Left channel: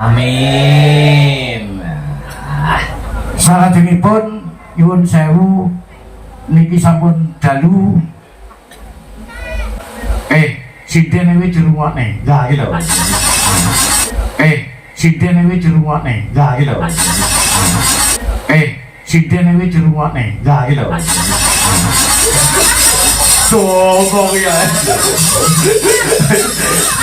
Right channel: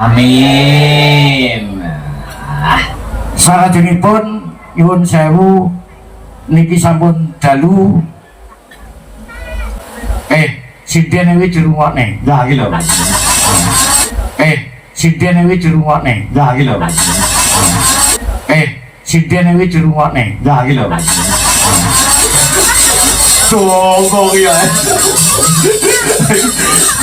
Amin. Salajengipun nyuwun sewu niki sampun dalu. Sinden iki dirungokne. Lah iki lho. Sinden iki dirungokne. Lah iki lho. Sinden iki dirungokne. Lah iki lho. Sopo ya.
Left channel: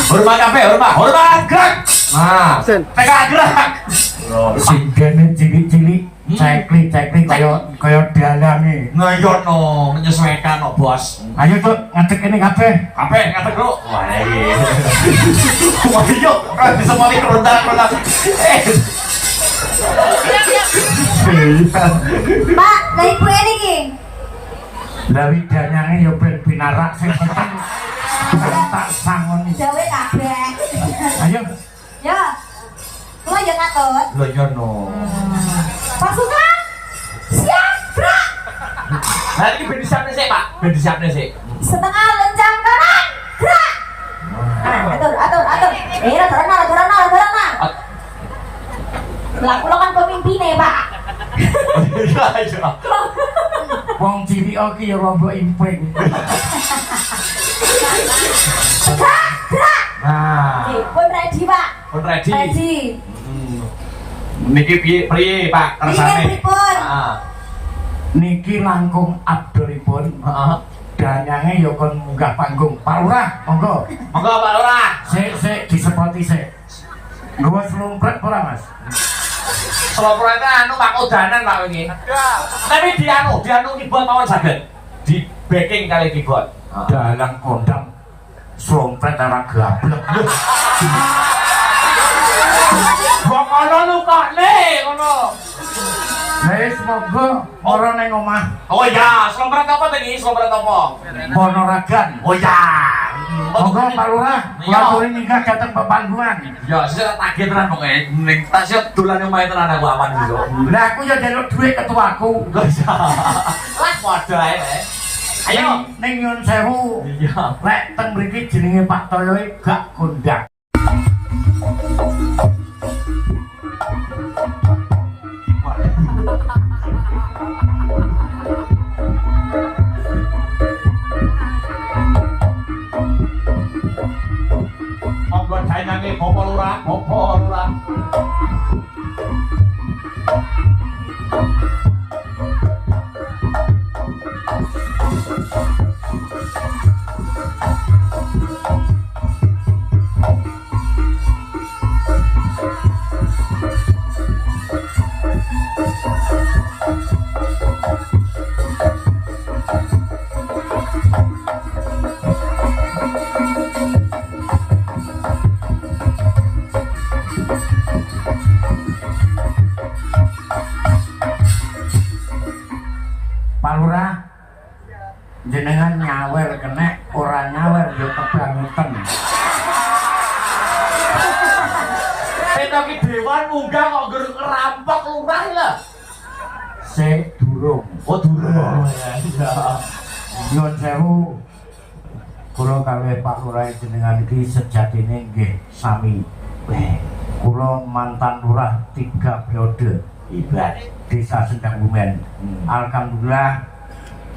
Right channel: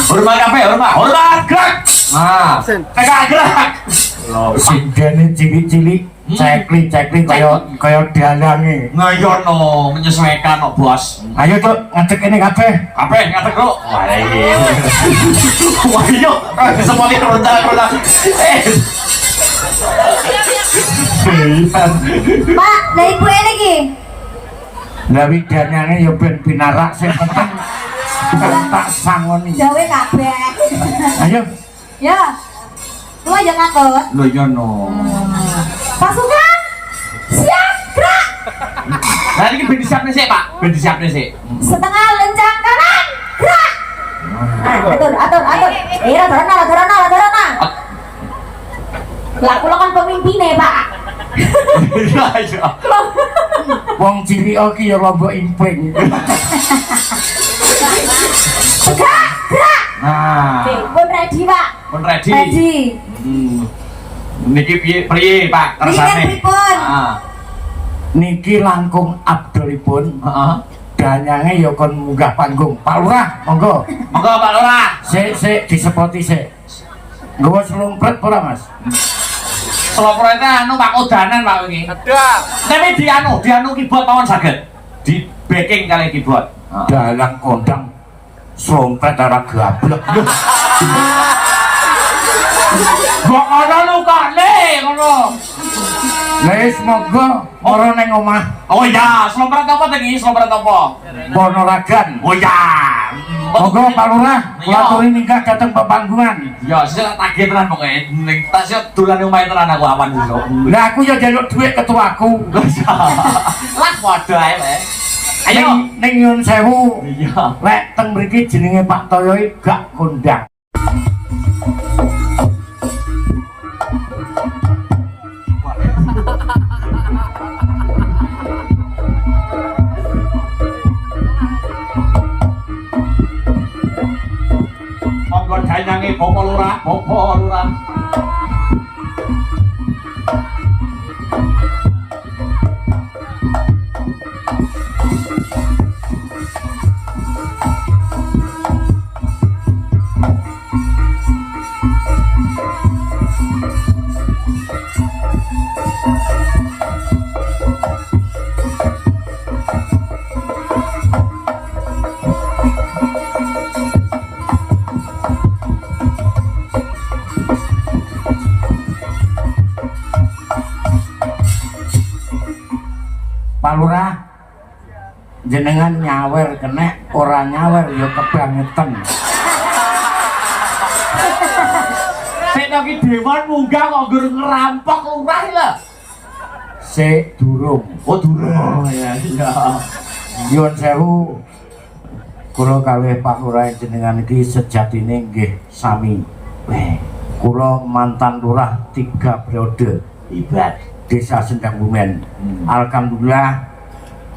Hormat kabeh, hormat. Hormat gerak. Nah, tegak gerak. Sindene cilik-cilik, ceklik-ceklik kaya dalange. Ngayono menyesuaikan kok, Bos. Ayo Cuk, ngadeg kene kabeh. Kabeh ngadeg, Bro. Wah, iya. Ayo, bisa mulai rendah lagi. Pak, dari kue ini ki. Lah widanyane yo ben pinarak sing penting tak sangoni. Gawe kabeh. Ayo. Ya. Lu aja ngatur. Lho yo no. Pasukan. Siap, gerak. Nah, ini ben disiapne sik, Pak. Ben disiapne sik. Setengah lencang kanan. Gerak. Atur. Aturana. Lah kula kan pemimpine, Pak. Iya, iya. Wong cilik iki ya lombok impring. Gerak. Nah, Pun ready, Pak. pun ready. Ready. Niki piye, Pak? Niki Kersane. pripun? Heeh. Niki langkung abdolipun. Heeh. Danyange ya kon munggah panggung. Pak Lurah, monggo. Monggo Pak Lurah. Sik disepoti sik. Nggawa slumpret ora, Mas? Sloprete anu Pak Udanan Pak wingi. Tapi dianu keyboard mawon saged. Di backing kali keyboard. Dalang kondang slumpret ora gablek. Kok ana lukane ngono. Wis monggo ora ning omah. Oh iya, slompret apa tadi? Slompret apa? Ponorogan. Oh iya. Monggo Pak Lurah, Iya. ngaturi ninggah dateng pepanggungan. Ya, saya tagih tenan pokoke. Ning tasih dolan omahe tenan aku awan iso. Lah aku ya njaluk dhuwit ketuaku. Lah padha ae, Mas. Ayo. Ning nyun sewu. Iya. Lek teng mriki jenenge Pak Toyo gak kondang. Monggo dayange Bapak Lurah. Pak Lurah, jenengan nyawer kena, ora nyawer ya kebangetan. Sing iki dewan munggah kok ngger ngerampok lurah lho. Sik durung. Oh, durung. Iya. Nyuwun sewu. Kula kalih Pak Lurah jenengan iki sejatine nggih sami. Kula mantan lurah 3 periode. Ibad. Desa Sendang Bumen. Alhamdulillah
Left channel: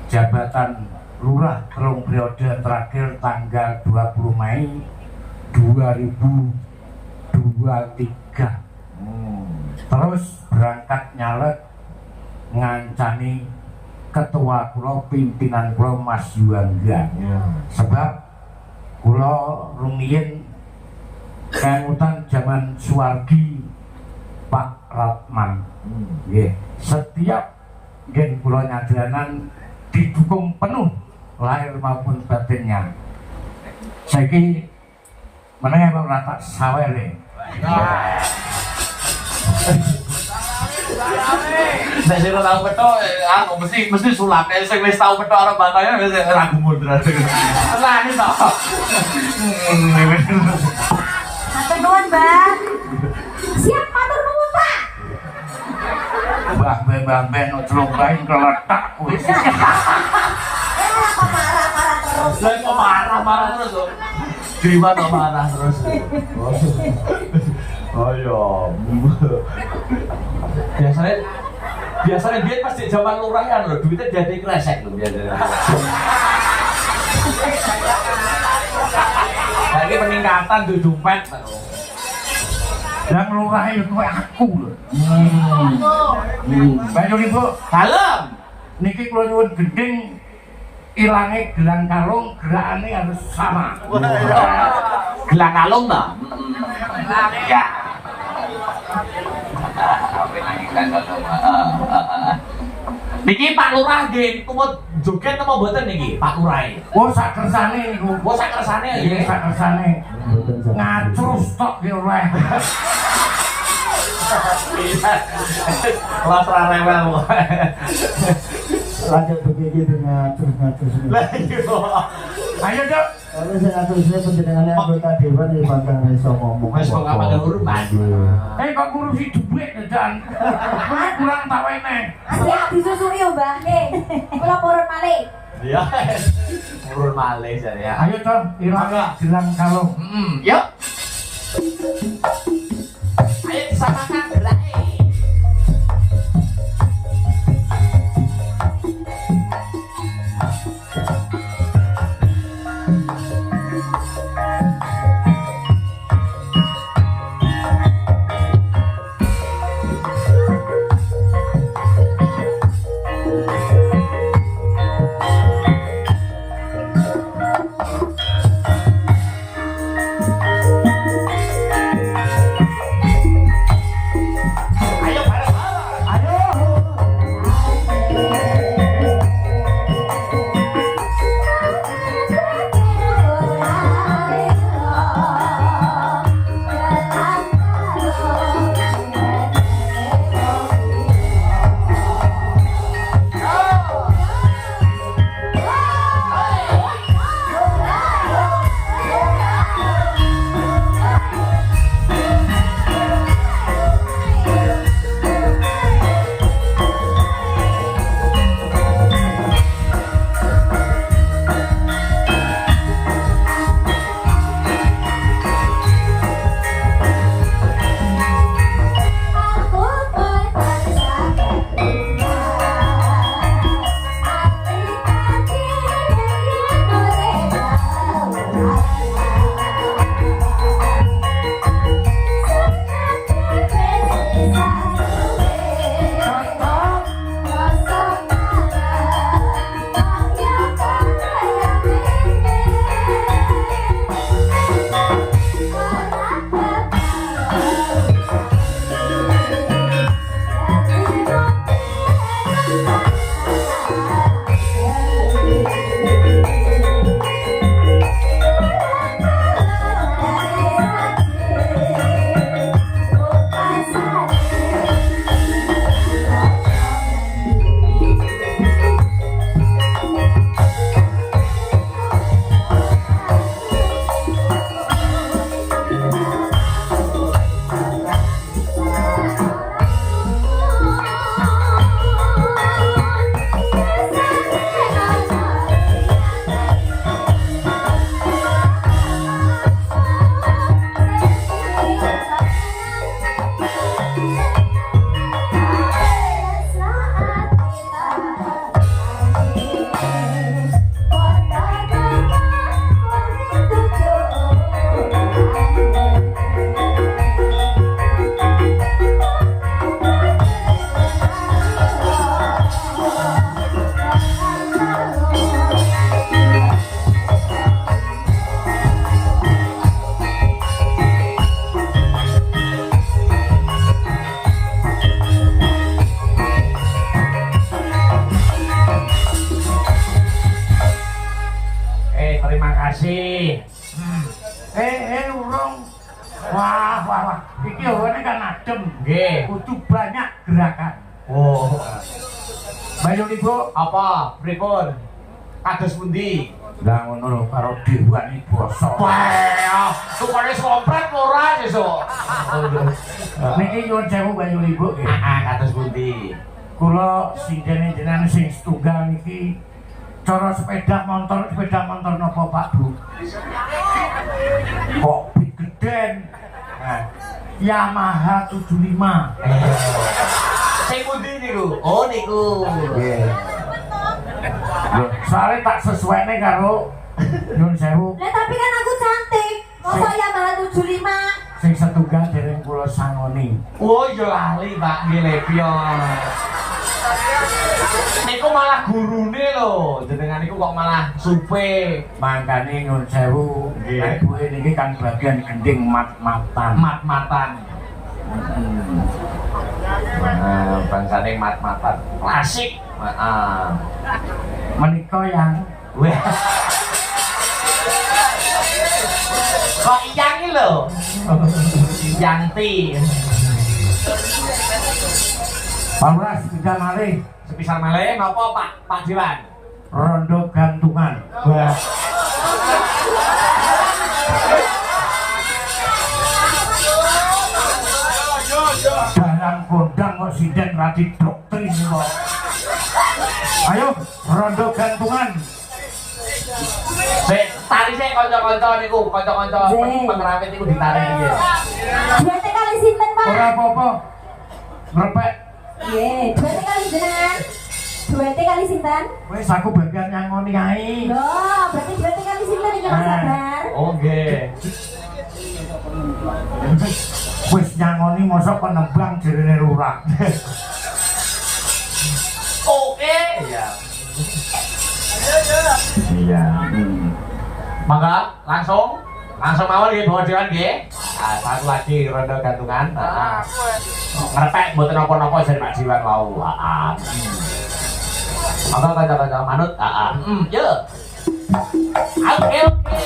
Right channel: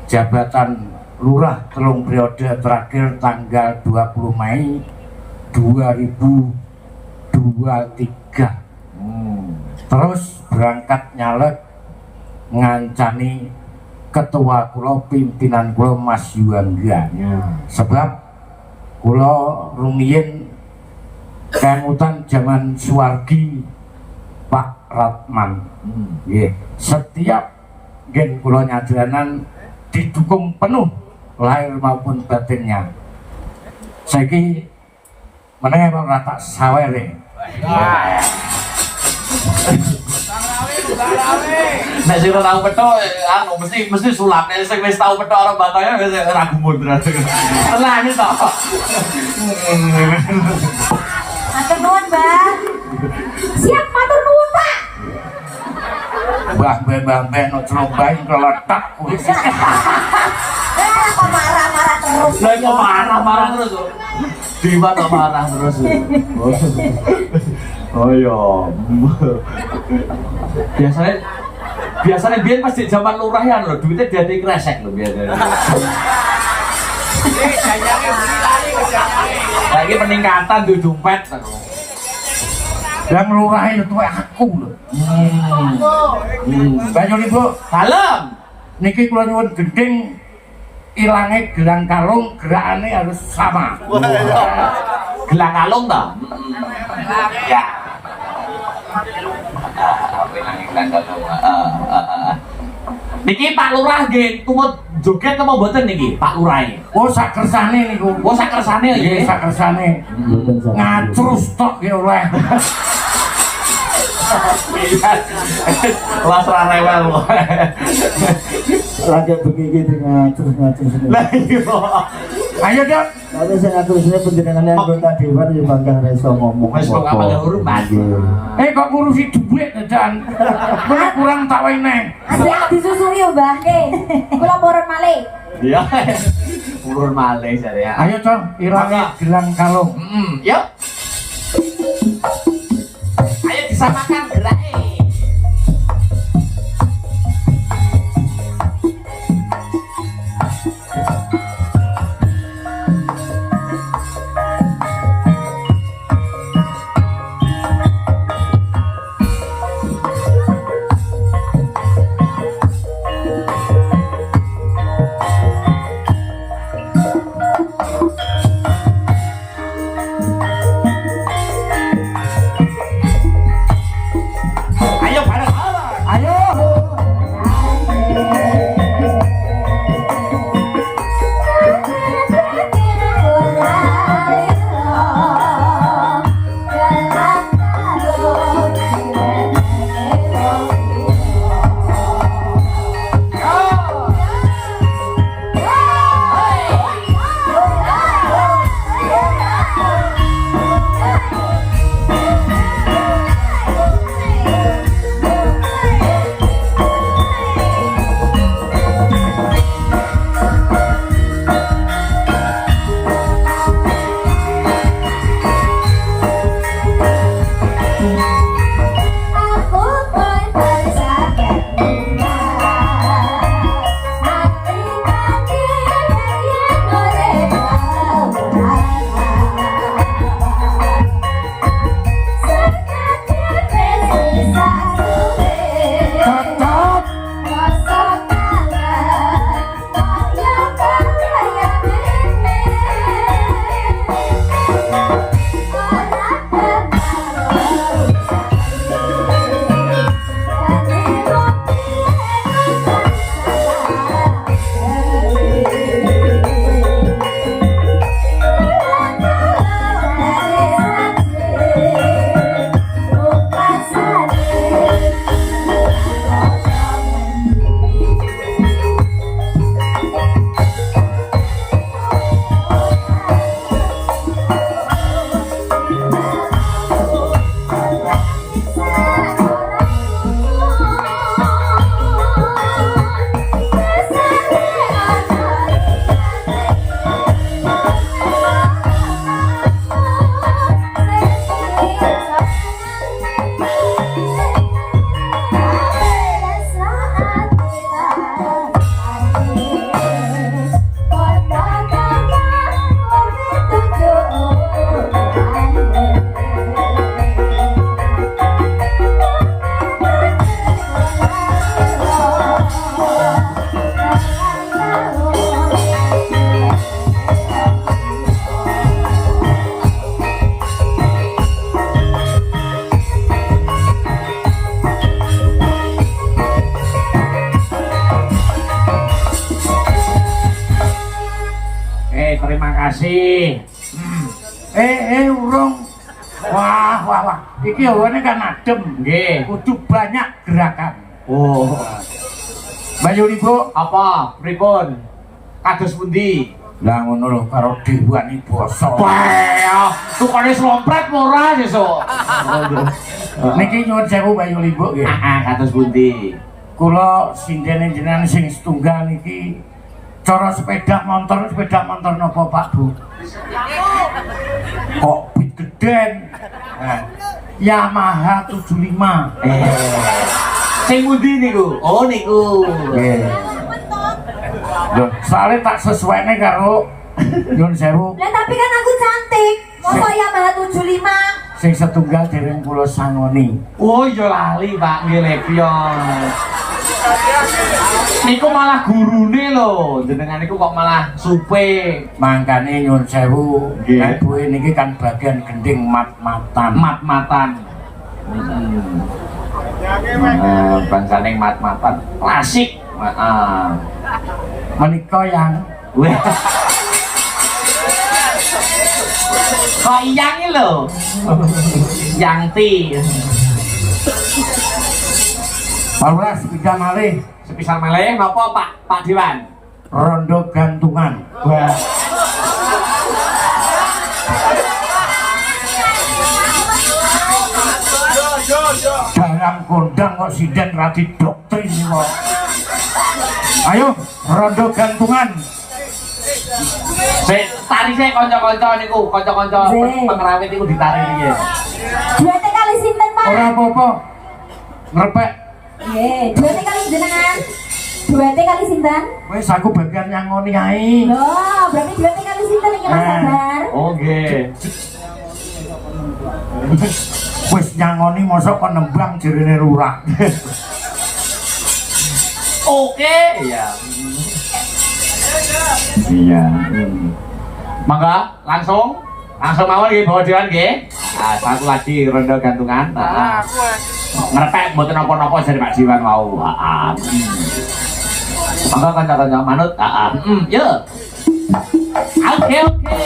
jabatan lurah 3 periode terakhir tanggal 20 Mei 2023. Terus berangkat nyalek ngancani ketua kula pimpinan kula Mas Yuangga. Sebab kula rumiyin kemutan zaman Suwargi Pak Ratman. Nggih, setiap gen kula nyadaranan didukung penuh lahir maupun batinnya. Saiki meneh ora tak sawere. Nek sing ora tau petok, aku mesti sulap. Nek sing wis tau petok karo batangnya wis ora gumun berarti. Tenan iki to. Matur nuwun, Mbah. Siap matur nuwun, Pak. Mbah no celuk bae keletak wis. Kok marah-marah terus. Lah kok marah-marah terus kok. Dewa kok marah terus. Oh iya. Biasanya biar pas di zaman lurah ya lho, duitnya diadai kresek lho biasanya. Lagi peningkatan di dompet. Yang lurah itu aku lho. Banyu Ibu, Dalam. niki kula nyuwun gending ilange gelang kalung gerakane harus sama. Gelang kalung ta? Ya. Niki Pak Lurah nggih tumut joget apa mboten niki Pak Lurah? Oh sak kersane niku. Oh sak kersane Nggih nggih. sak kersane. Ngacrus tok ya oleh. Wah ora rewel kok. Rakyat begini ngatur semua. Lah iya. Ayo dok. Kalau saya ngatur semua penjenengan yang anggota dewan ya bangga reso ngomong. Wis kok kapan hormat. Kok ngurusi duit dadan. Kowe kurang tak wene. Siap disusuli yo, Mbah. Nih, kula purun malih. Iya. Urun malih jare ya. Ayo Con, ilange gelang kalung. Yuk. Ayo disamakan geraknya. Ayo bareng. Ayo. Cocok. Terima kasih. Urung. Wah. Iki hawane kan adem. Nggih. Kudu banyak gerakan. Oh. Banyu Ibu, Apa? Pripun? Kados pundi? lah ngono lho karo dewan iki basa. Wah, tukane slompret ora sesuk. Niki nyuwun sewu Banyu Ibu nggih. Kados pundi? Kula sindene jenengan sing setunggal niki cara sepeda motor nopo Pak Bu? Kok bit geden? Yamaha 75. Sing pundi niku? Oh niku. Nggih. Lho, soalnya tak sesuainya karo nyun sewu. Lah tapi kan aku cantik. Masa Yamaha 75? Sing setunggal dereng kula sangoni. Oh iya lali Pak, nggih Lepion. Niku malah gurune lho, jenengan niku kok malah supe. Mangkane nyun sewu, Nggih. ibuke niki kan bagian gending mat-matan. Mat-matan. Bangsane mat-matan. Klasik. Heeh. Menika yang Weh. Kok yang ini lho. Yanti. Awas bidang malih Sepisal meleh napa Pak Dewan? rondo gantungan. Wah. Dalam kondang kok sinden rati doktrin kok. Ayo rondo gantungan. Sik, tari sik kanca-kanca niku, kanca-kanca Sik. pengerawit niku ditari iki. Duete kali sinten, Pak? Ora apa-apa. Ngrepek Nggih, duete kali jenengan. Duete kali sinten? wis aku bagian nyangoni ae. Loh, berarti duete kali sinten iki Mas Sabar? Oh nggih. Wis nyangoni mosok penembang jerene lurah. Oke, iya. Iya. Mangga langsung mawon nggih bawa dewan nggih. Nah, satu lagi rondo gantungan. Heeh. Ngerepek mboten napa-napa dari Pak Dewan mau. Heeh. Mangga kanca-kanca manut. Heeh. Yo. Oke, oke.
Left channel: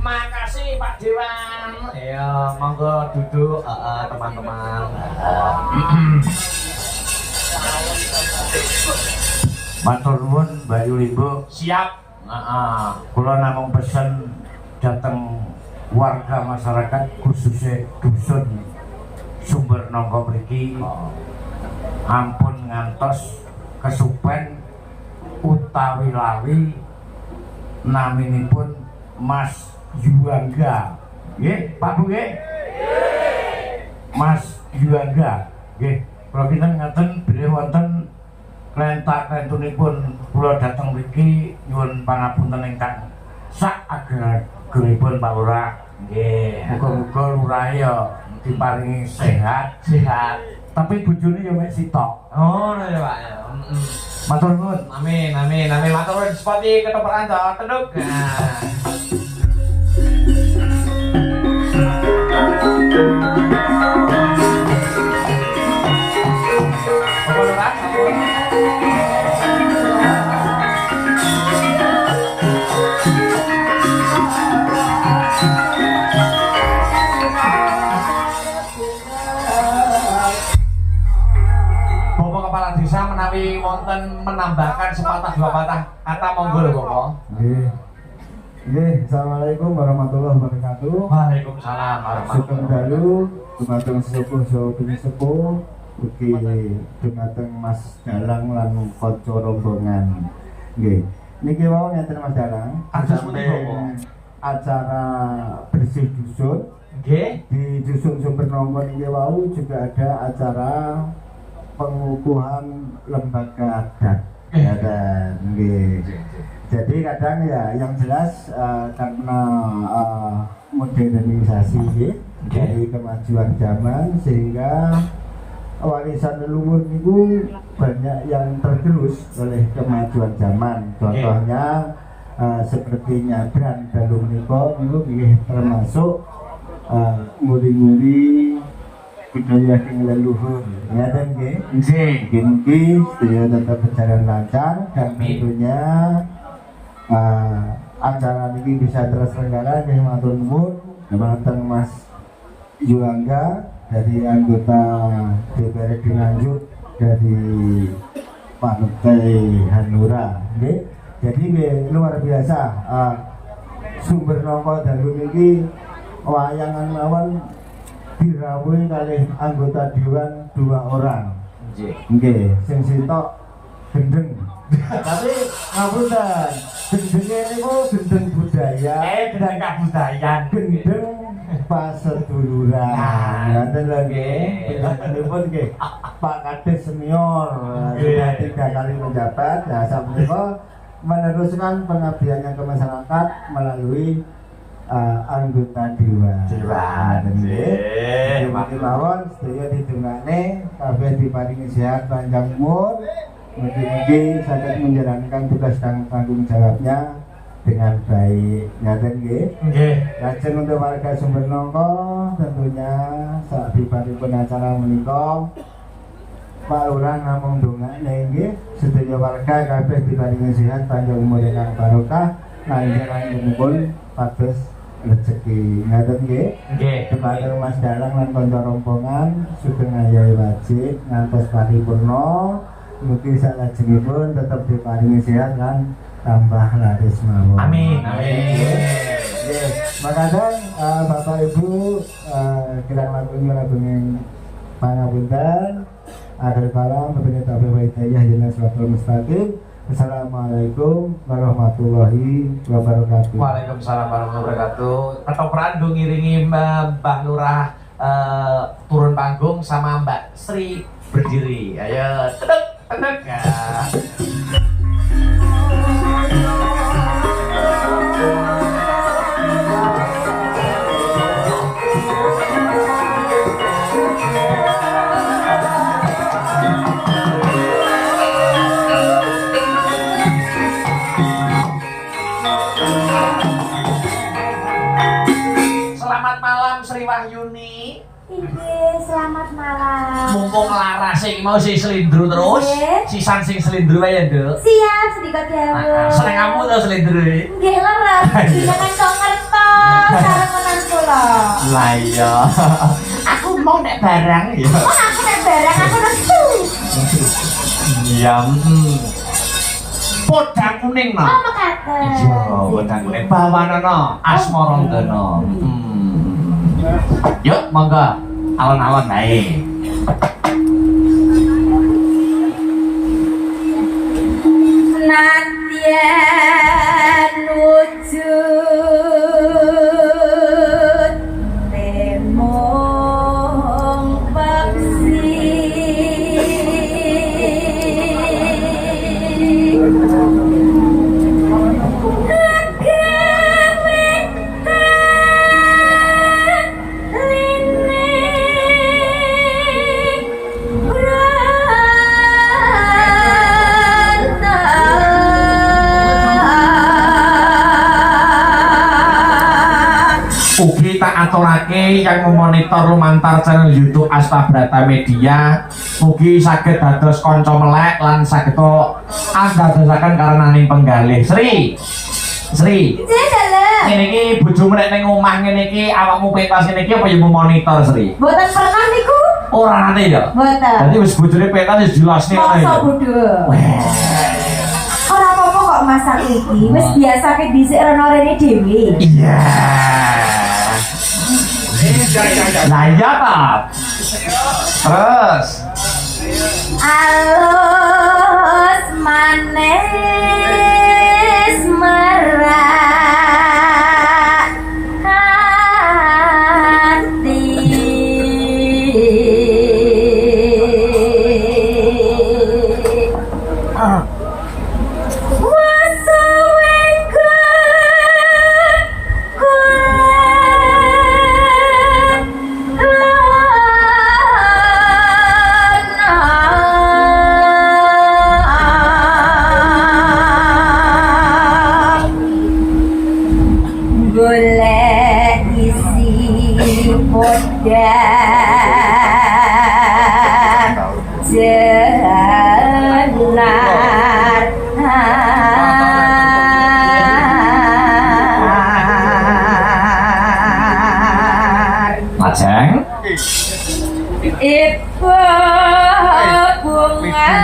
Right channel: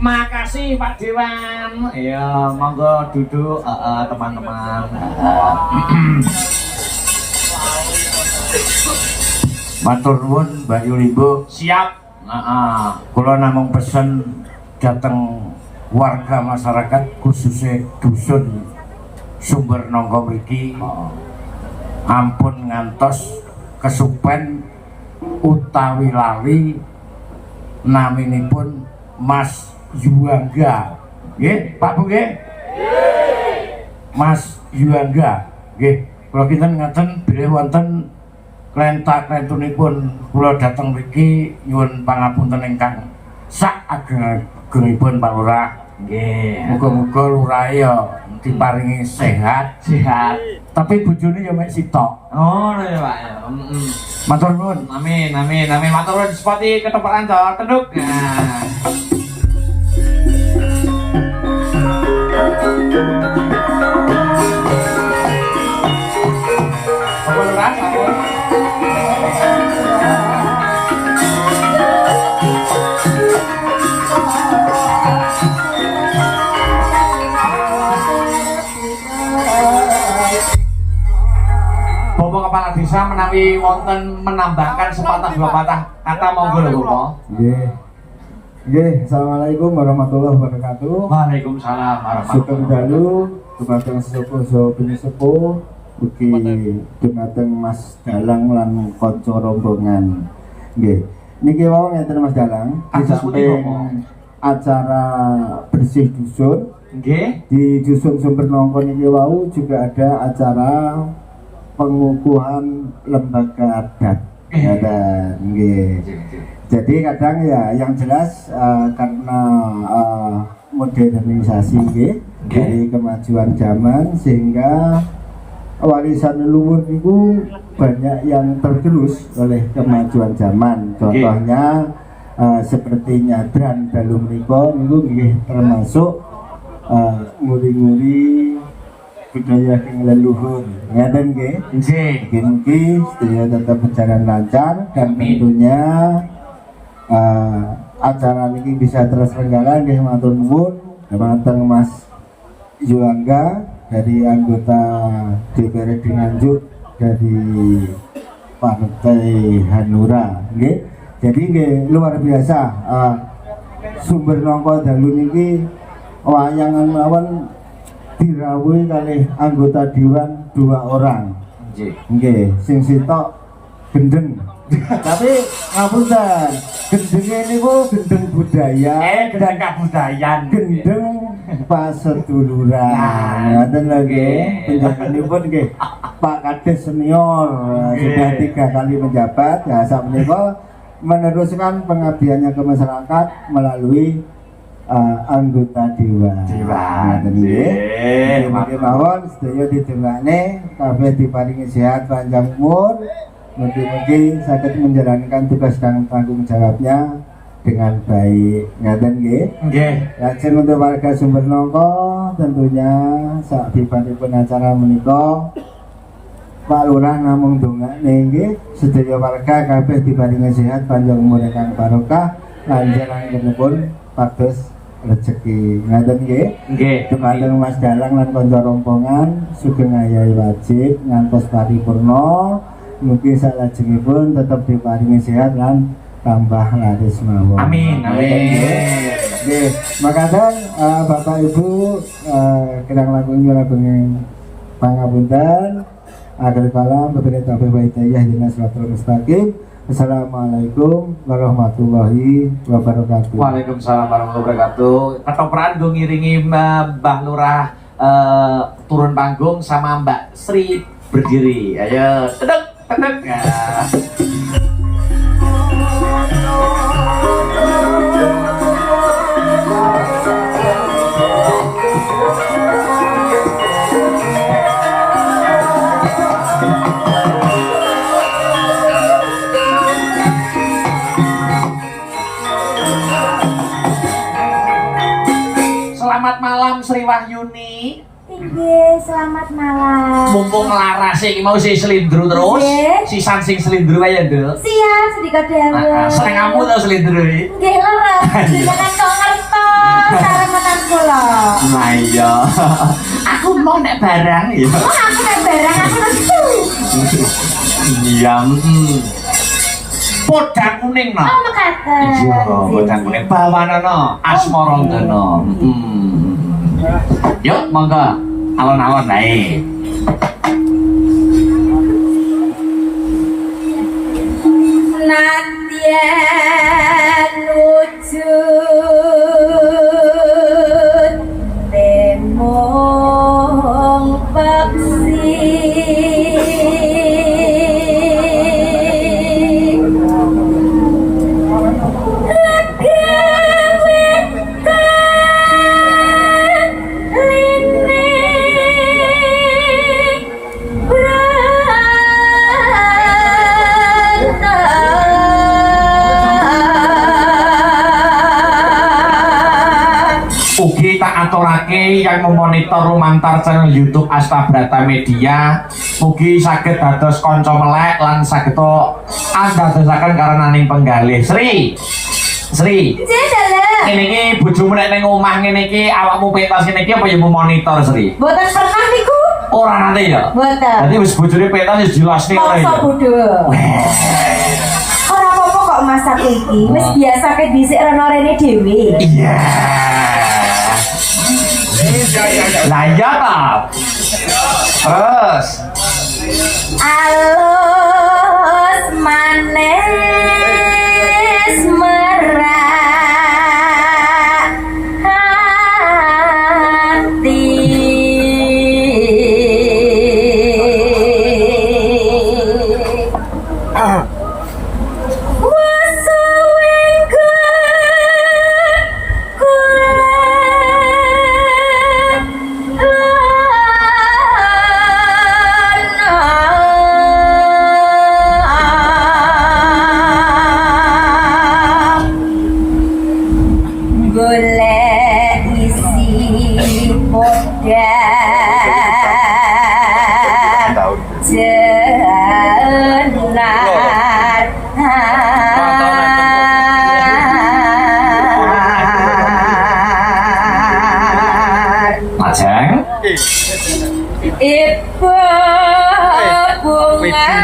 Makasih Pak Dewan. Ya, monggo duduk teman-teman. Matur nuwun Mbak Yulibo. Siap. Kula namung pesen dateng warga masyarakat khususnya dusun Sumber Nangka mriki ampun ngantos kesupen utawi lali naminipun Mas Yuangga. Nggih, Pak Bu nggih? Mas Yuangga. Nggih, kula kinten ngaten bilih wonten klenta-klentunipun kula dhateng mriki nyuwun pangapunten ingkang sak ageng-agengipun Pak Lurah. Nggih, muga-muga lurahe ya diparingi sehat. Tapi bojone ya mek sitok. Oh, ya Pak. Matur nuwun. Amin. Matur nuwun sepati ketepaan to, teduk. Kepala desa menawi wonten menambahkan sepatah dua patah kata monggo lho Bapak. Nggih. Nggih, assalamualaikum warahmatullahi wabarakatuh. Waalaikumsalam Sugeng warahmatullahi dalu dumateng sedaya pinisepuh ugi dumateng Mas Dalang lan kanca rombongan. Nggih. Niki wau ngeten Mas Dalang, di samping acara bersih dusun, Nggih. di dusun Sumber Nangka niki wau juga ada acara pengukuhan lembaga adat. Nggih. Jadi kadang ya yang jelas karena modernisasi dari kemajuan zaman sehingga warisan leluhur itu banyak yang tergerus oleh kemajuan zaman. Contohnya seperti nyadran dalu menika niku nggih termasuk muri-muri budaya yang leluhur, ngaten nggih. Nggih, sedaya tetap berjalan lancar dan tentunya acara ini bisa terselenggara. Nggih, matur nuwun dumateng Mas Yuangga dari anggota DPRD Nganjuk dari Partai Hanura. Nggih. Jadi nggih luar biasa. Sumber Nangka dalu niki wayangan mawon dirawuhi kalih anggota dewan 2 orang. Nggih, sing sitok gendeng. Tapi ngapunten, gendenge niku gendeng budaya. Gendeng kabudayan. Gendeng paseduluran. Ngoten lho nggih. Penjabatanipun nggih Pak Kades senior sudah 3 kali menjabat. Nah, sakmenika meneruskan pengabdiannya ke masyarakat melalui anggota dewan. Nggih mawon sedaya didongakne kabeh diparingi sehat panjang umur. Mugi-mugi saged menjalankan tugas dan tanggung jawabnya dengan baik. Ngaten nggih. Nggih. Lajeng untuk warga Sumber Nangka tentunya sak dipanipun acara menika Pak Lurah namung dongakne nggih sedaya warga kabeh diparingi sehat panjang umur ingkang barokah lan jalanipun pados rezeki. Ngaten nggih. Nggih. Dumateng Mas Dalang lan kanca rombongan sugeng ayahe wajib ngantos paripurna. Mugi salajengipun tetap diparingi sehat lan tambah laris mawon. Amin. Nggih, makaten Bapak Ibu kirang langkung nyuwun ageng pangapunten. Akhir kalam beberapa taufiq wa hidayah dina siratal mustaqim. Assalamualaikum warahmatullahi wabarakatuh. Waalaikumsalam warahmatullahi wabarakatuh. Ketoprak nggo ngiringi Mbah Lurah turun panggung sama Mbak Sri berdiri. Ayo, teduk. Selamat malam Sri Wahyuni. Inggih, selamat malam. Mumpung laras iki mau si selindru terus. Nggih. Sisan sing selindru ae, Nduk. Siap sedikit dewe. Seneng kamu to selindru iki. Nggih leres, jenengan kok ngertos sarengan kula. Lah iya. Aku mau nek barang ya. Oh, aku nek barang aku nesu. Iya. Podang kuning no. Oh, mekaten. Iya, podang kuning bawanana Asmarandana. Yuk, monggo. Alon-alon ae. Nadyan wujud temong peksi Ugi tak aturake kang monitor lumantar channel YouTube Astabrata Media. Ugi saged dados kanca melek lan saged andadosaken karenaning penggalih. Sri. Ini iki bojomu nek ning omah ngene iki awakmu pentas ngene iki apa ya monitor Sri? Mboten pernah niku. Ora nate ya. Mboten. Dadi wis bojone pentas wis jelas nih Masa bodoh. Ora apa-apa kok masak iki. Wis biasa ket dhisik rono rene dhewe. Iya. Lah iya ta. Terus Alus manis merah hati. Wasa wengkon golek isi podang Lajeng Ibu bunga enggak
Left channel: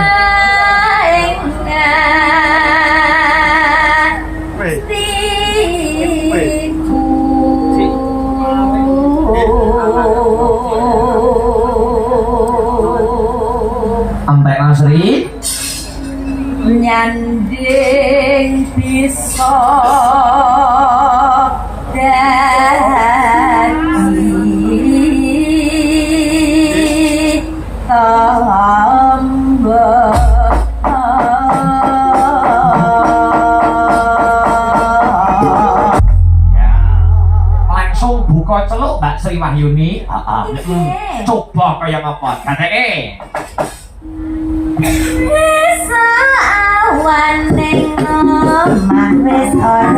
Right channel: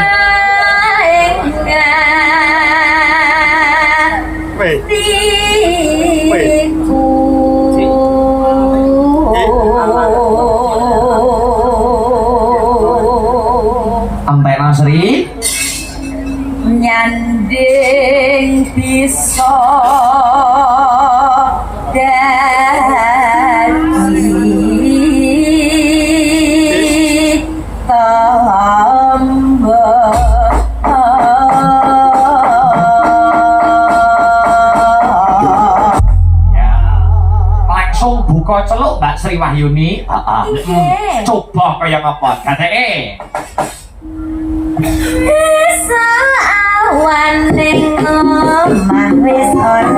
tiku Antek Sri nyanding bisa dadi tambah langsung buka celuk Mbak Sri Wahyuni. Nggih. Coba kaya ngapa gateke. Awan ning omah wis ora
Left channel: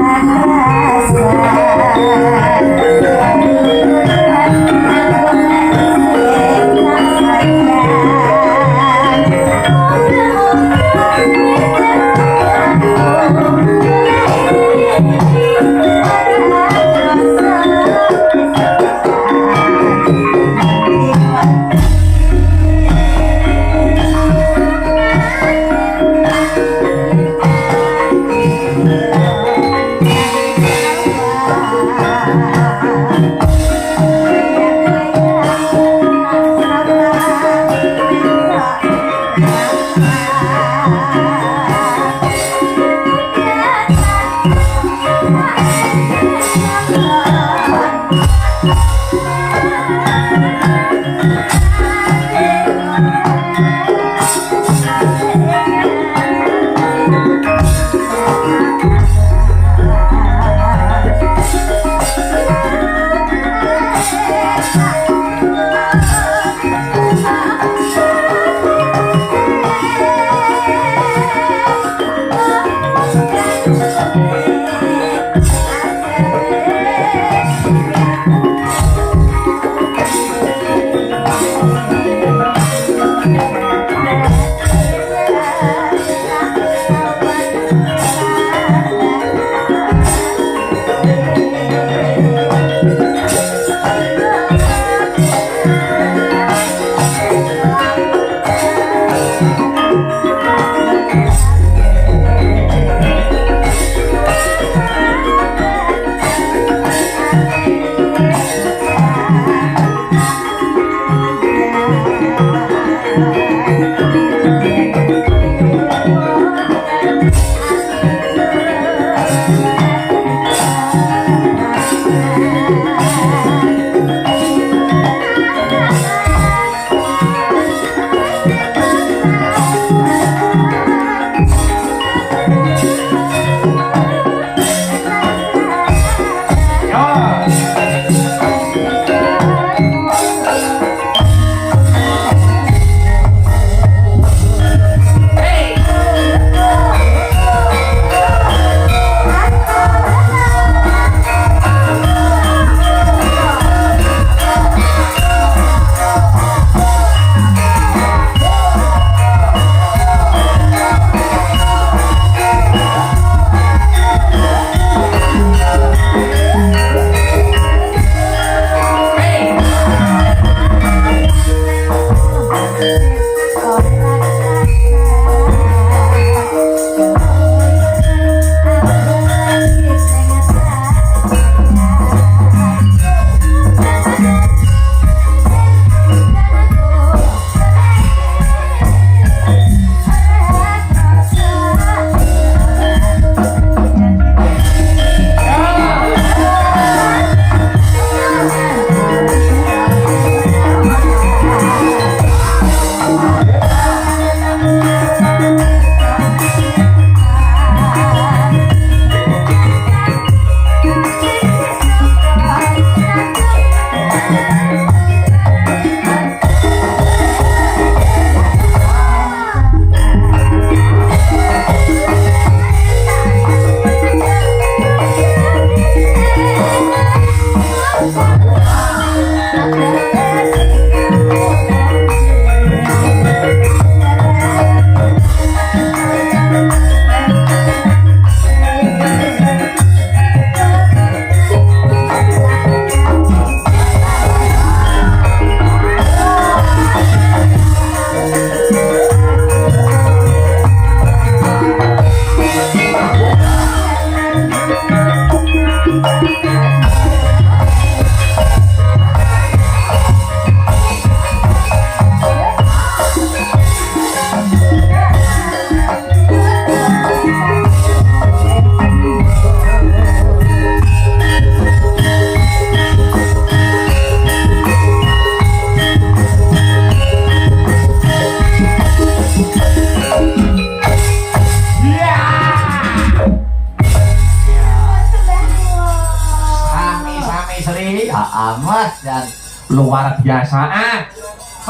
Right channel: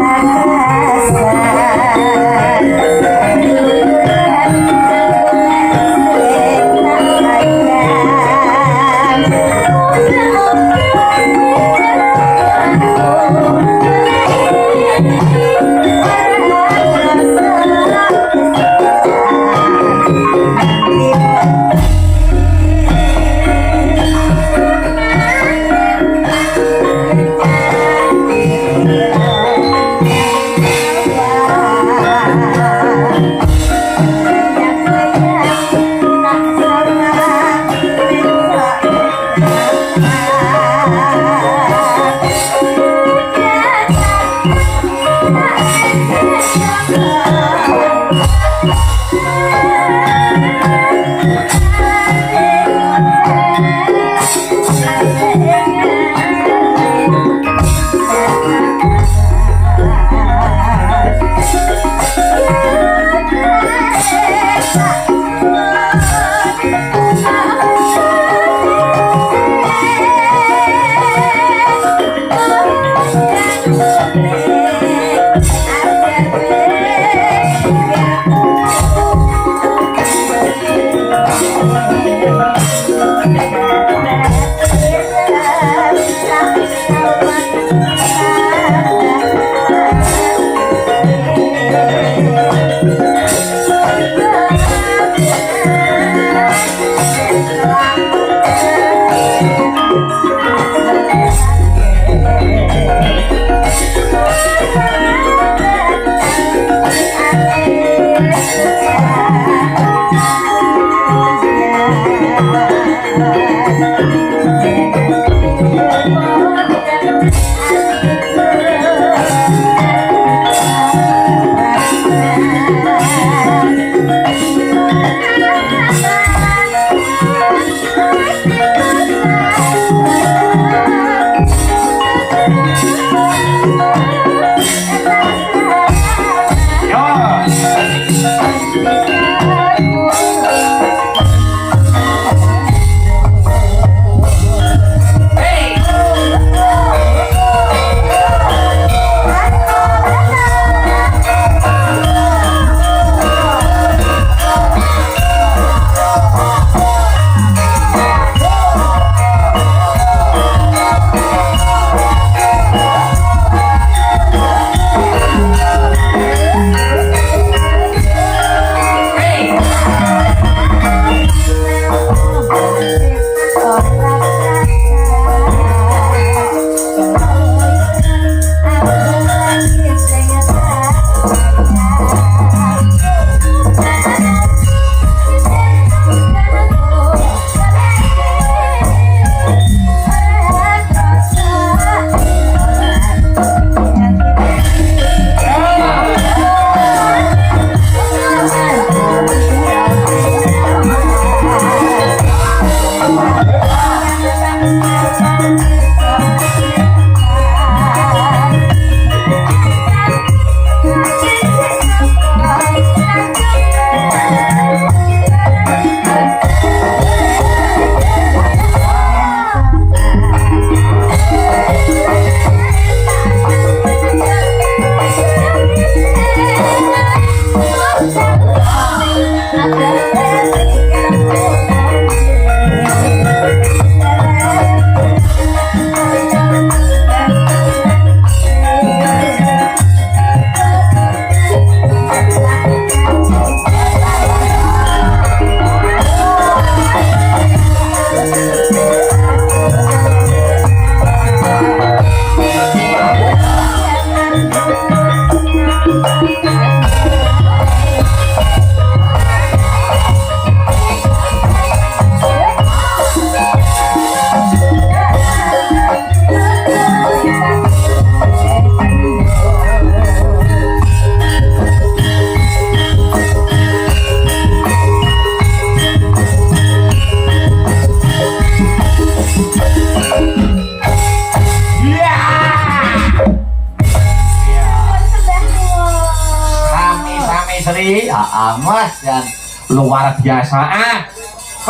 luar biasa.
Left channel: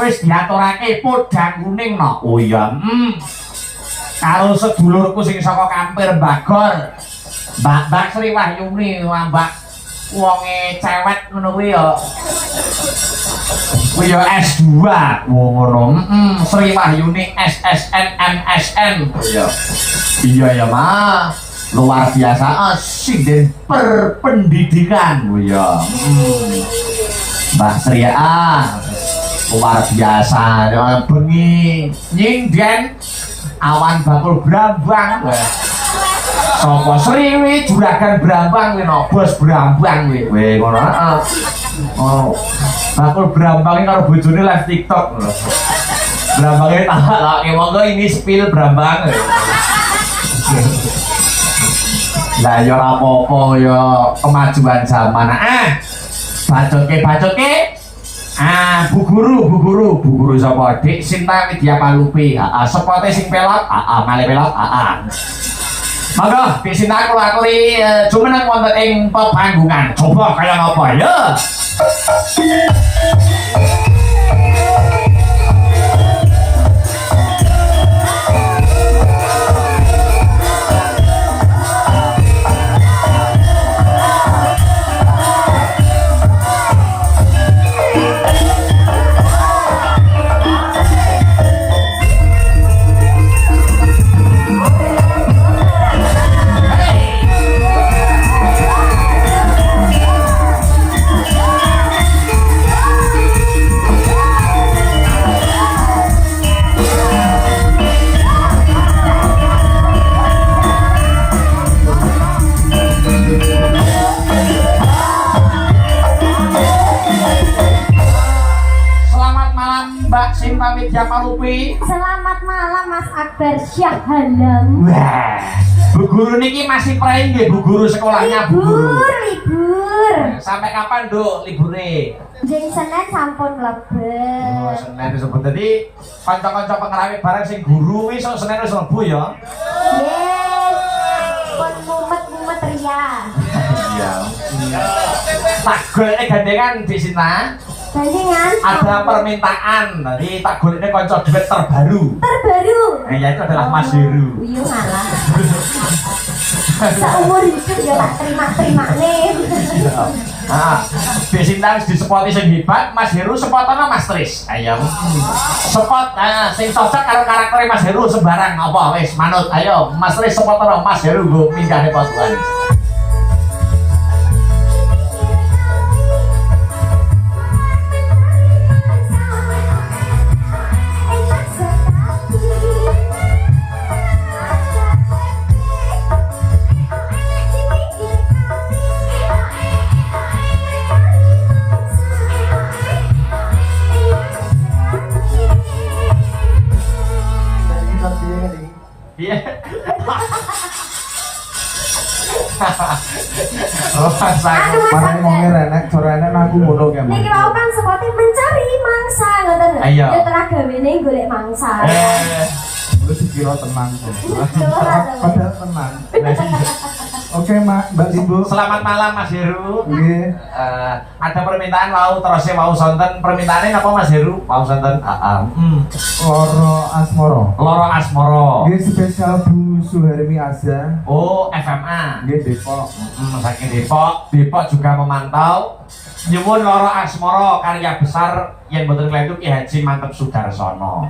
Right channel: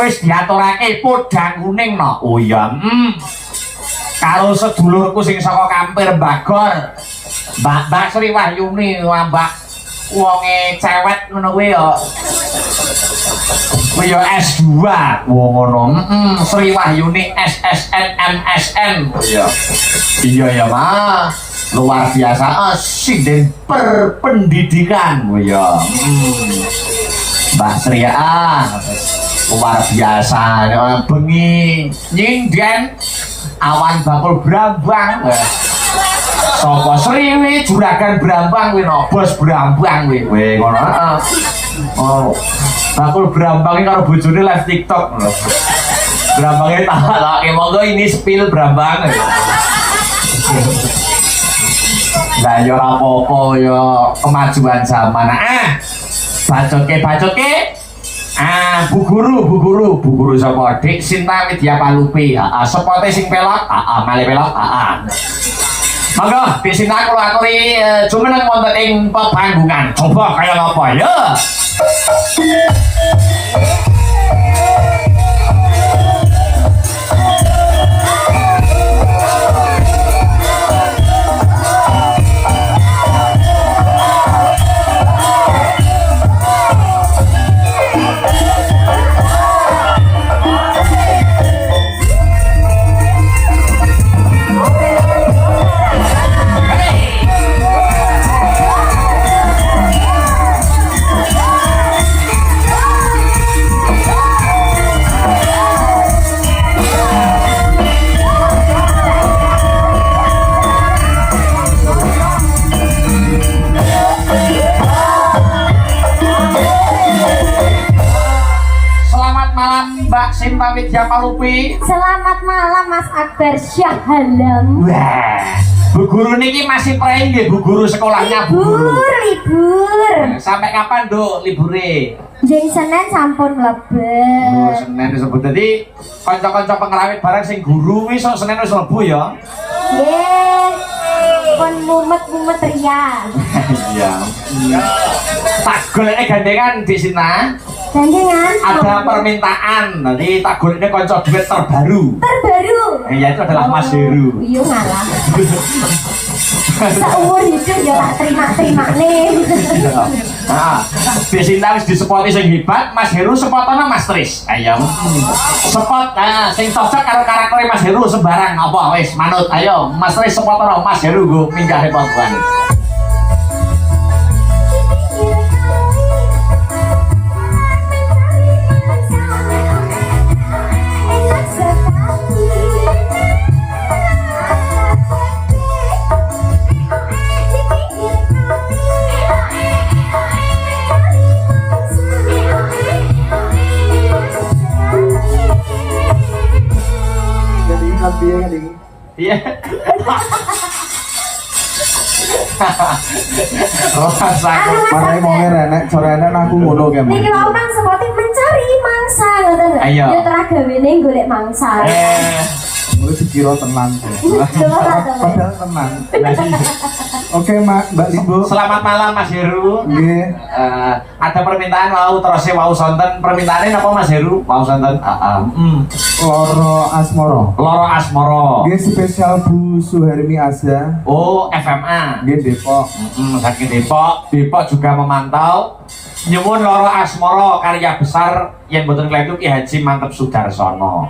Wis diaturake podang kuning no. Oh iya. Karo sedulurku sing saka Kampir Bagor. Mbak Sri Wahyuni, Mbak wonge cewek ngono kuwi ya. Kuwi ya S2. Ngono. Sri Wahyuni SSN MSN. Iya. Iya ya, Mas. Luar biasa sinden berpendidikan. Oh iya. Mbak Sri luar biasa. Bengi nyinden awan bakul Brambang. Sapa Sriwi juragan Brambang kuwi no, bos Brambang kuwi. Ngono. Oh. Bakul Brambang karo bojone live TikTok. Brambang laki monggo ini spill Brambang. Lah yo apa-apa yo kemajuan zaman. Bacoke. Bu guru sapa? Dik Sinta Widya Palupi. Sepote sing pelok, male pelok. Monggo Dik Sinta kula aturi jumeneng wonten ing pepanggungan. Coba kaya apa ya? Selamat malam Mas Akbar Syah Halam. Wah, Bu Guru niki masih prei nggih Bu Guru sekolahnya Bu Guru. Libur. Sampai kapan, Duk, libure? Jeng Senin sampun mlebet. Oh, Senin wis mlebu. Dadi kanca-kanca pengrawit bareng sing guru wis sok Senin wis mlebu ya. Nggih. Pun mumet-mumet ria. Iya. Tak golek gandengan di sini. Gandengan. Ada permintaan. Nanti tak golekne kanca duet terbaru. Terbaru. Ya itu adalah Mas Heru. Iya ngalah. Saumur hidup ya tak terima nih. Nah, Desinta wis disepoti sing hebat, Mas Heru sepotana Mas Tris. Ayo. Sepot sing cocok karo karakter Mas Heru sembarang apa wis manut. Ayo, Mas Tris sepotana Mas Heru nggo minggahe pangkuan. Iya. Makanya mau enak, corenan aku ngono kan. Niki mau kan seperti mencari mangsa ngoten lho. Ayo. Yo terus gawene golek mangsa. Gue sekira tenang kok. Padahal tenang. Oke Mbak Limbo. Selamat malam Mas Heru. Nggih. Ada permintaan mau terus mau sonten. Permintaannya apa Mas Heru? Mau sonten? Loro Asmoro. Loro Asmoro. Nggih spesial Bu Suhermi Azza. Oh, FMA. Nggih Depok. Sakit Depok. Depok juga memantau. Nyuwun Loro Asmoro karya besar yang boten kelaitu Ki Haji Mantep Sudarsono.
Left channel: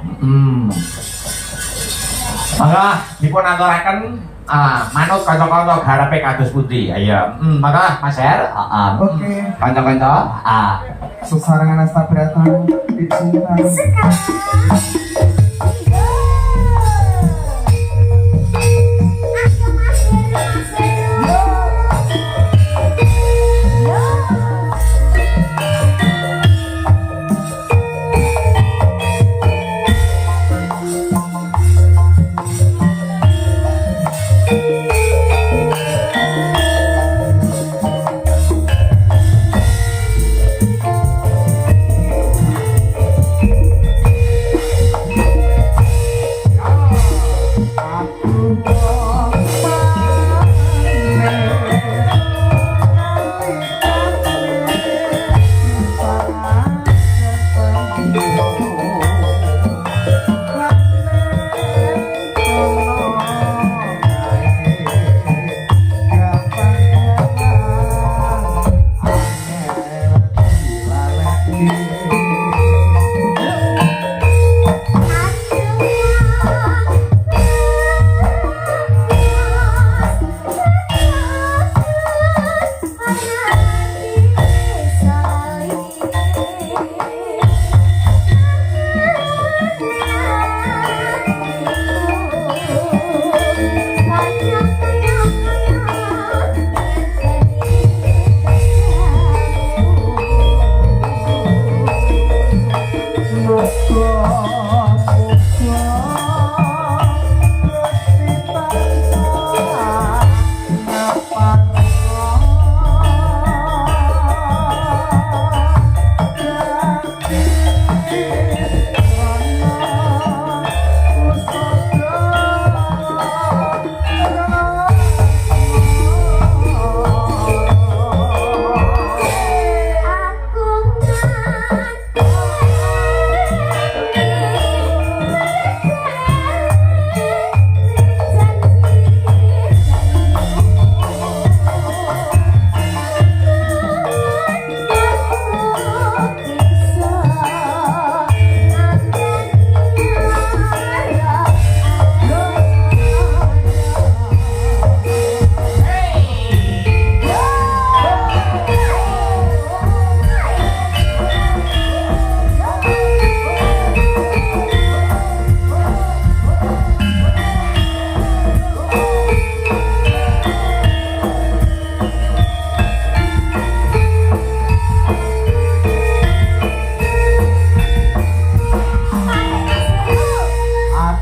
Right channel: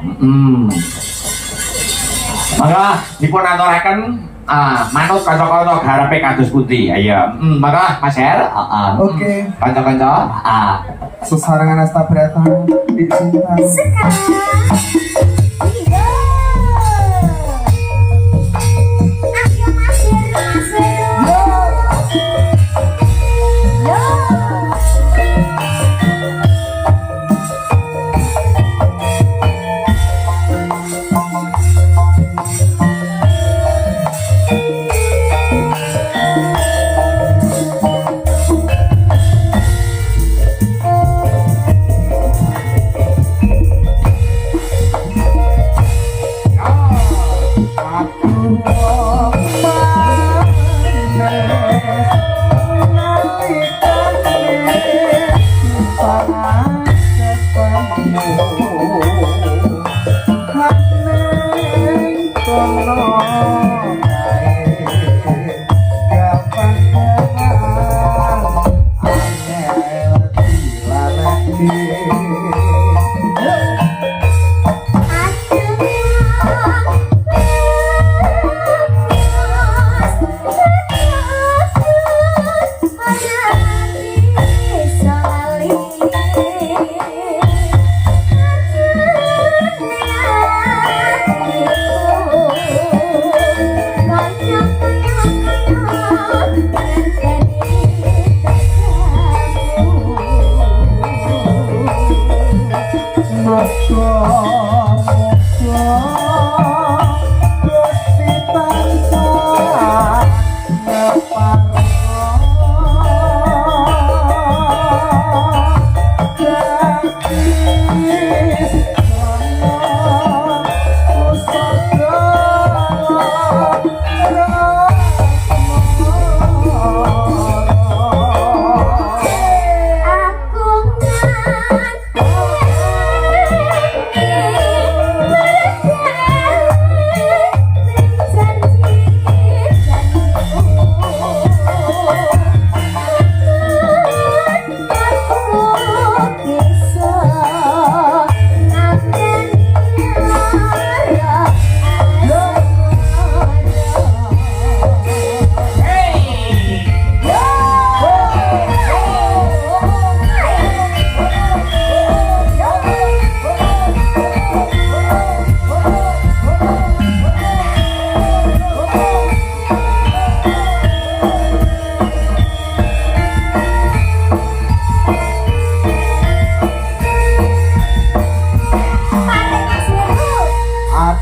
Dipun aturaken manut kanca-kanca garepe kados pundi. Ayo. Maka Mas Her. Oke. Kanca-kanca. Sesarangan astabratan dicinta.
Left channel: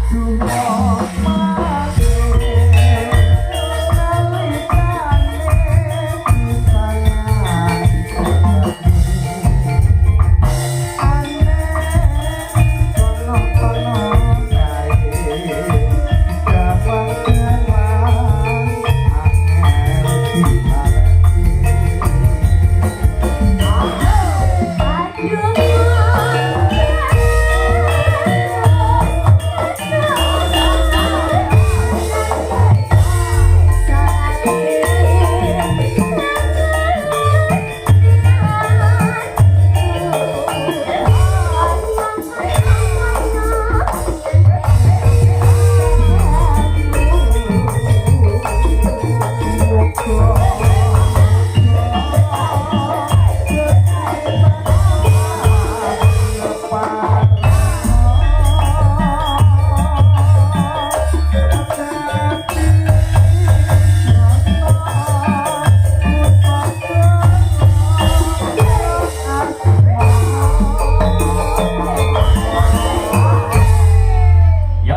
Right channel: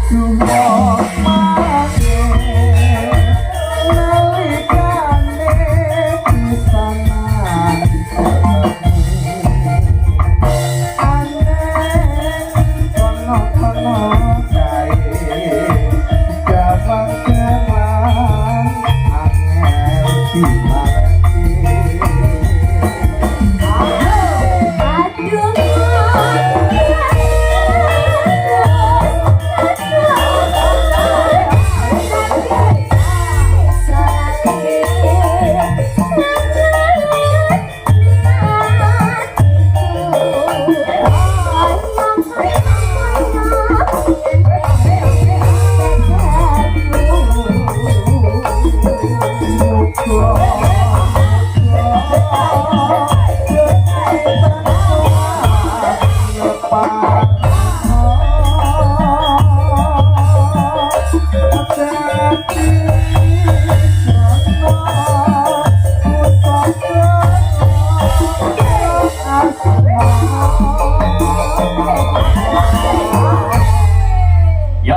Yuk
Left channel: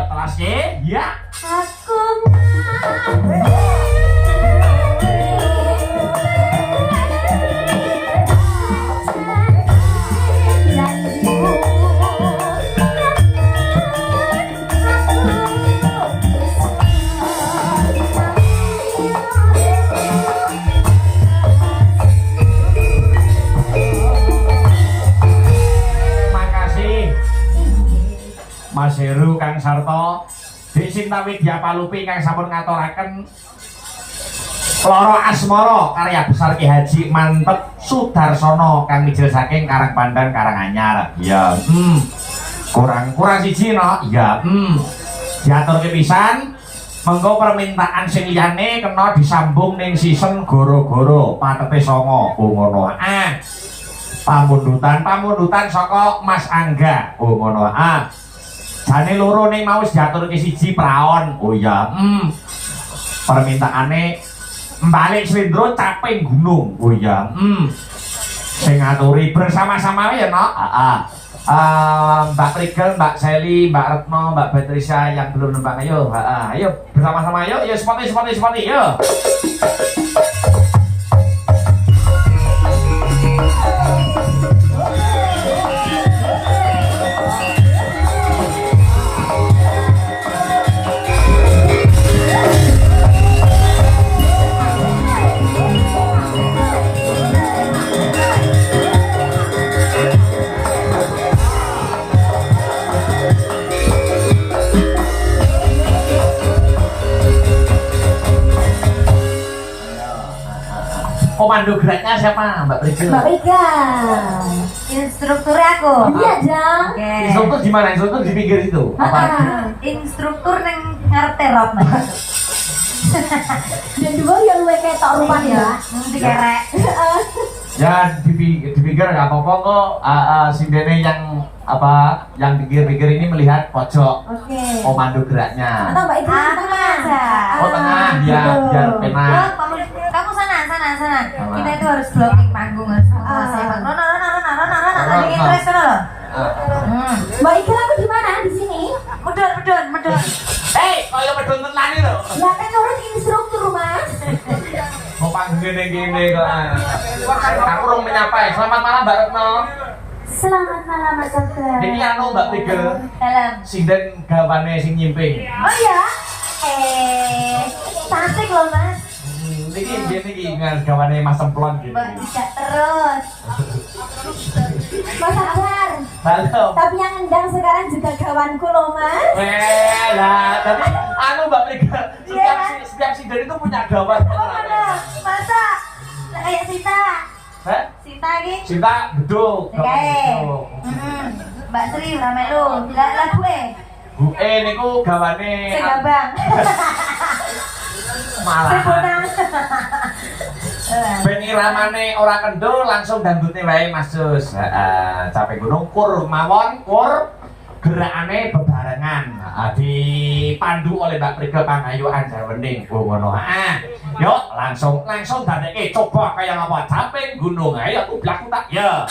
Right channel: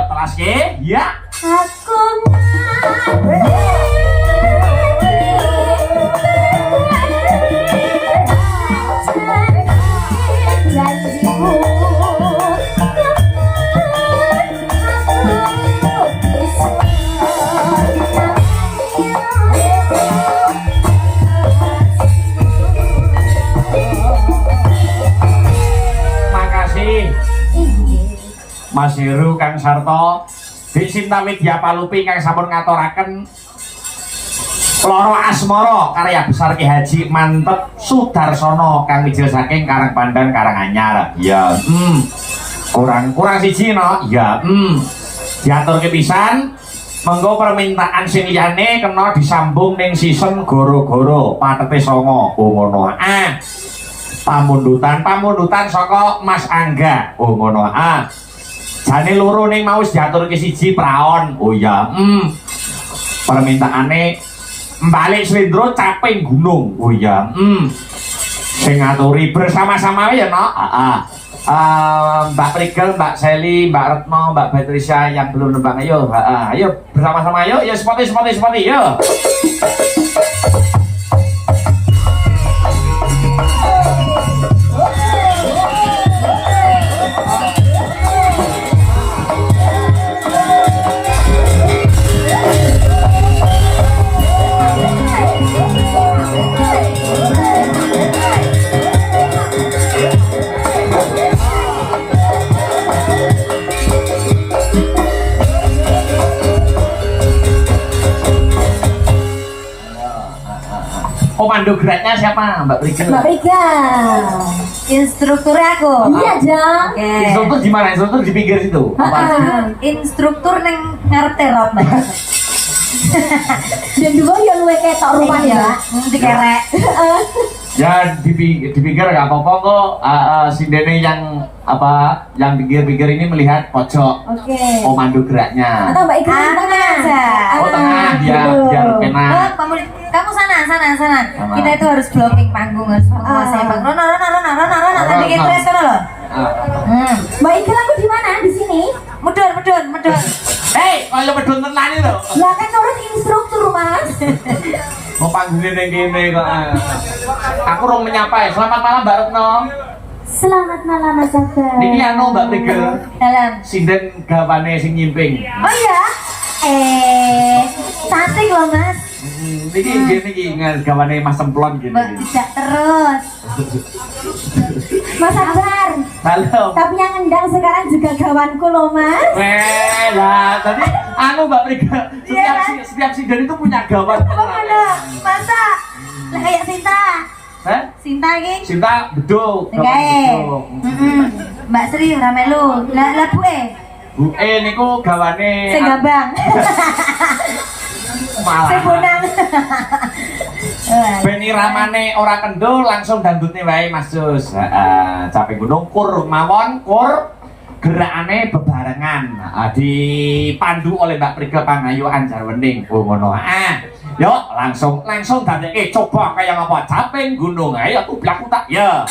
telas ke, ya. Aku Makasih Mas Heru Kang Sarto Dik Sinta Widya Palupi kang sampun ngaturaken Loro Asmara karya besar Ki Haji Mantep Sudarsono kang mijil saking Karangpandan Karanganyar. Ya, kurang siji no. Ya, diaturke pisan. Monggo permintaan sing liyane kena disambung ning season goro-goro patete 9. Oh ngono. Pamundutan saka Mas Angga. Oh ngono. Jane loro ning mau wis diaturke siji praon. Oh ya. Permintaane Mbak Swendro Caping Gunung. Oh ya. Sing ngaturi bersama-sama ya no. Mbak Prigel, Mbak Seli, Mbak Retno, Mbak Patricia yang belum nembang ayo. Ayo bersama-sama yuk. Ya seperti yuk. Komando geraknya siapa? Mbak Prigel? Mbak Rika, instruktur aku. Iya dong. Oke. Instruktur di mana? Instruktur di pinggir situ. Instruktur neng ngarep terot. Dan dua yang luwe ketok rupan ya. Dikerek. Ya di pinggir nggak apa-apa kok. Sindene yang apa? Yang pinggir ini melihat pojok. Oke. Komando geraknya. Atau Mbak Ika di tengah. Oh tengah biar penak. Kamu sana. Kita itu harus blocking panggung harus menguasai panggung. Rona, bikin press sana loh. Mbak Ika aku di mana? Di sini. Medun. Hei, kaya medun tenan itu. Ya kan orang instruktur mas. Mau panggungnya neng gini kok. Aku rong menyapa ya. Selamat malam Mbak Retno. Selamat malam Mas Dokter. Ini anu Mbak Prigel. Dalam. Sinden gawane sing nyimping. Oh iya. Cantik loh mas. Niki gawane Mas Semplon gitu. Mbak tidak terus. Mas Akbar. Halo. Tapi yang endang sekarang juga gawanku loh mas. Lah, tadi anu Mbak Prigel, setiap sinden itu punya gawan. Oh mana? Masa? Lah kayak Sinta. Hah? Sinta ki? Sinta beduk. Mbak Sri ramelu. Lah buke. Buke niku gawane Sing gabang. malah. Ben iramane ora kendul langsung dangdutne wae Mas Jus. Caping gunung kur mawon kur gerakane bebarengan. Dipandu oleh Mbak Prigel Pangayu Anjarwening. Oh ngono. Yuk langsung dadeke coba kaya ngapa caping gunung. Ayo ublak tak ya.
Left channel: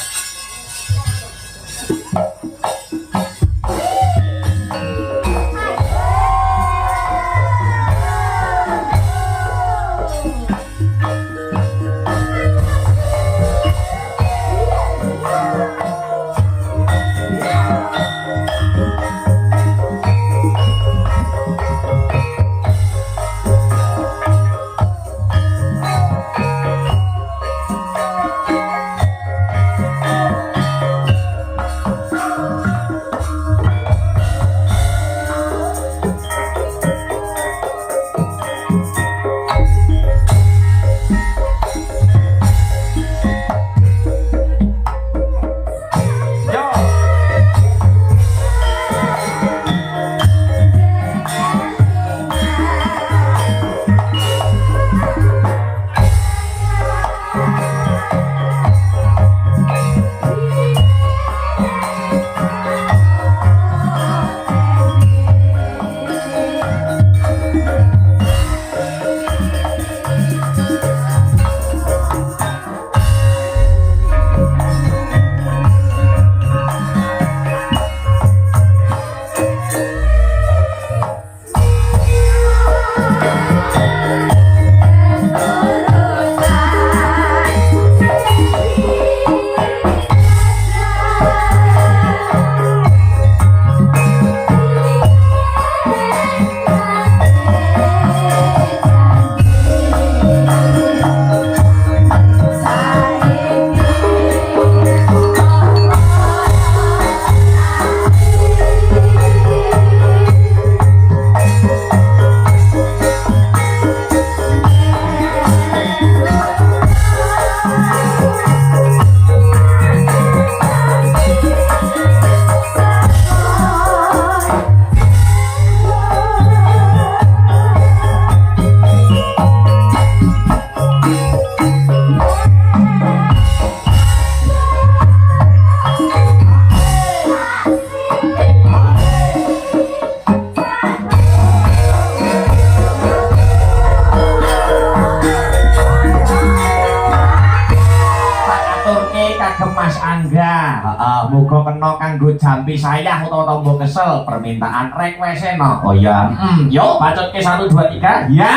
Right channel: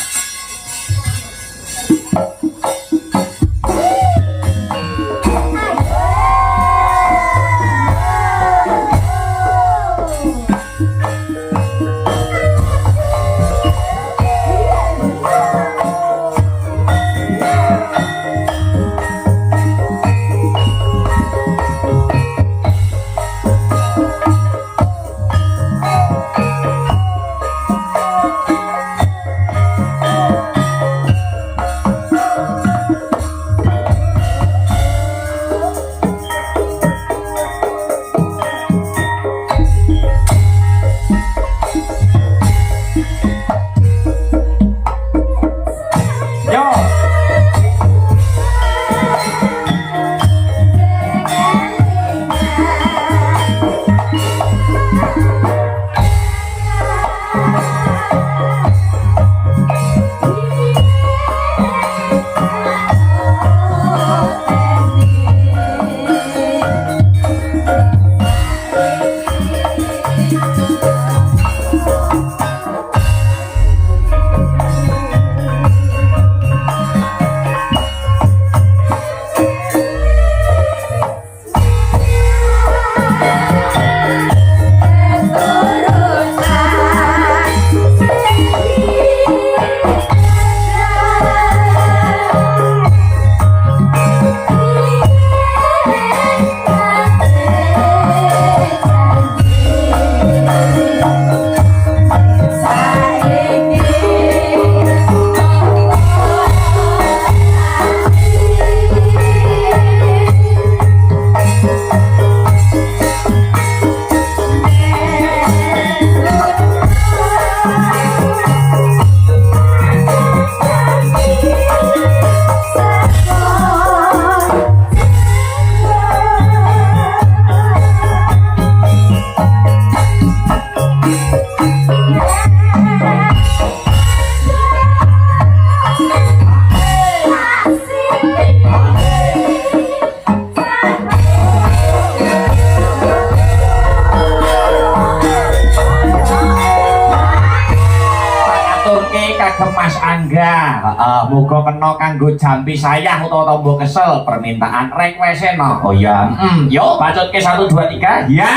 nganggo jampi sayang utawa tombol kesel permintaan request no. Oh iya. Yuk bacot ke 1 2 3. Ya.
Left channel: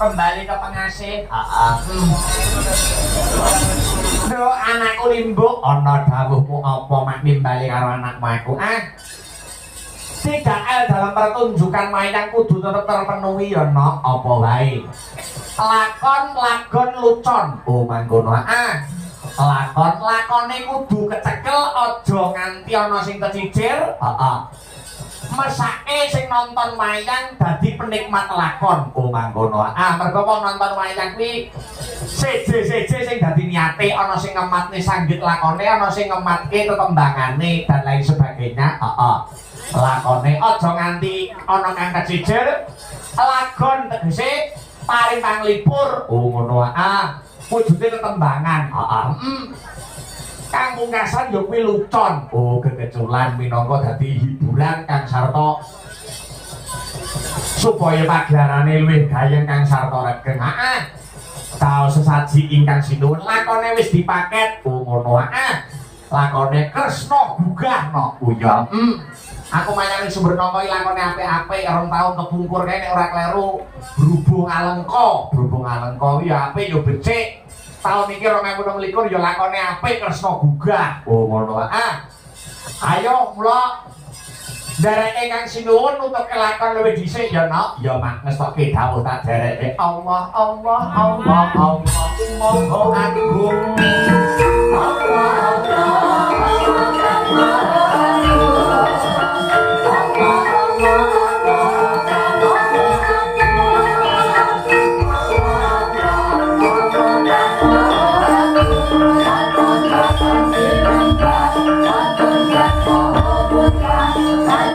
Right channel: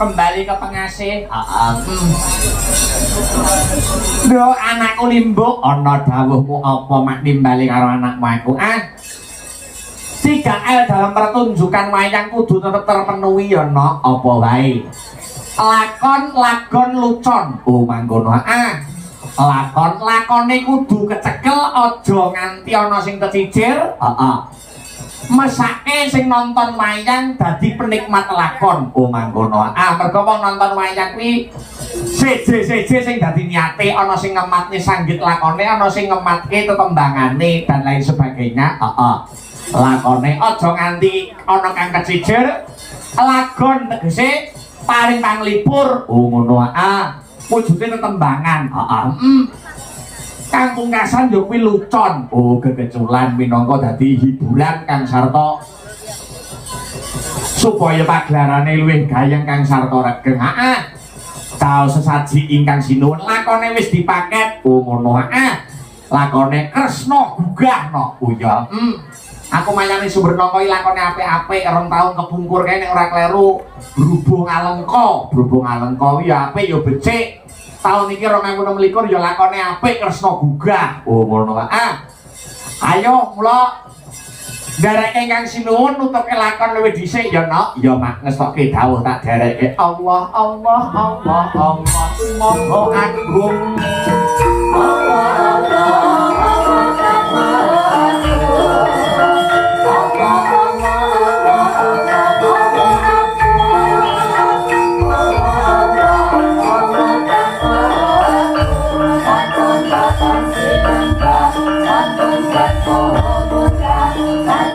kembali ke pengasih. Lho anakku limbuk ana dawuhmu apa mak nimbali karo anakmu aku? 3L dalam pertunjukan wayang kudu tetep terpenuhi ya no apa wae. Lakon lagon lucon. Oh mangkono. Lakone kudu kecekel aja nganti ana sing kecicir. Mesake sing nonton wayang dadi penikmat lakon. Oh mangkono. Mergo wong nonton wayang kuwi seje-seje sing dadi niate, ana sing ngematne sanggit lakone, ana sing ngematke tetembangane dan lain sebagainya. Lakone aja nganti ana kang kecicir. Lagon tegese paling panglipur. Oh ngono. Wujude tetembangan. Kang pungkasan yo kuwi lucon. Oh gegeculan minangka dadi hiburan kang sarta supaya paglarane luwih gayeng kang sarta regeng. Caos sesaji ingkang sinuwun lakone wis dipaket. Oh ngono. Lakone Kresna Gugahna. Oh ya. Aku mayani Sumbernoka iki lakone apik-apik, 2 taun kepungkur kae nek ora kleru. Berhubung Alengka kuwi ya apik ya becik. Tahun iki 2026 ya lakone apik Kresna Gugah. Oh ngono. Ayo mula dereke kang sinuwun nutuke lakon luwih dhisik ya no. Ya mak ngestoke dawuh tak dereke. Allah Allah Allah Allah. Monggo agung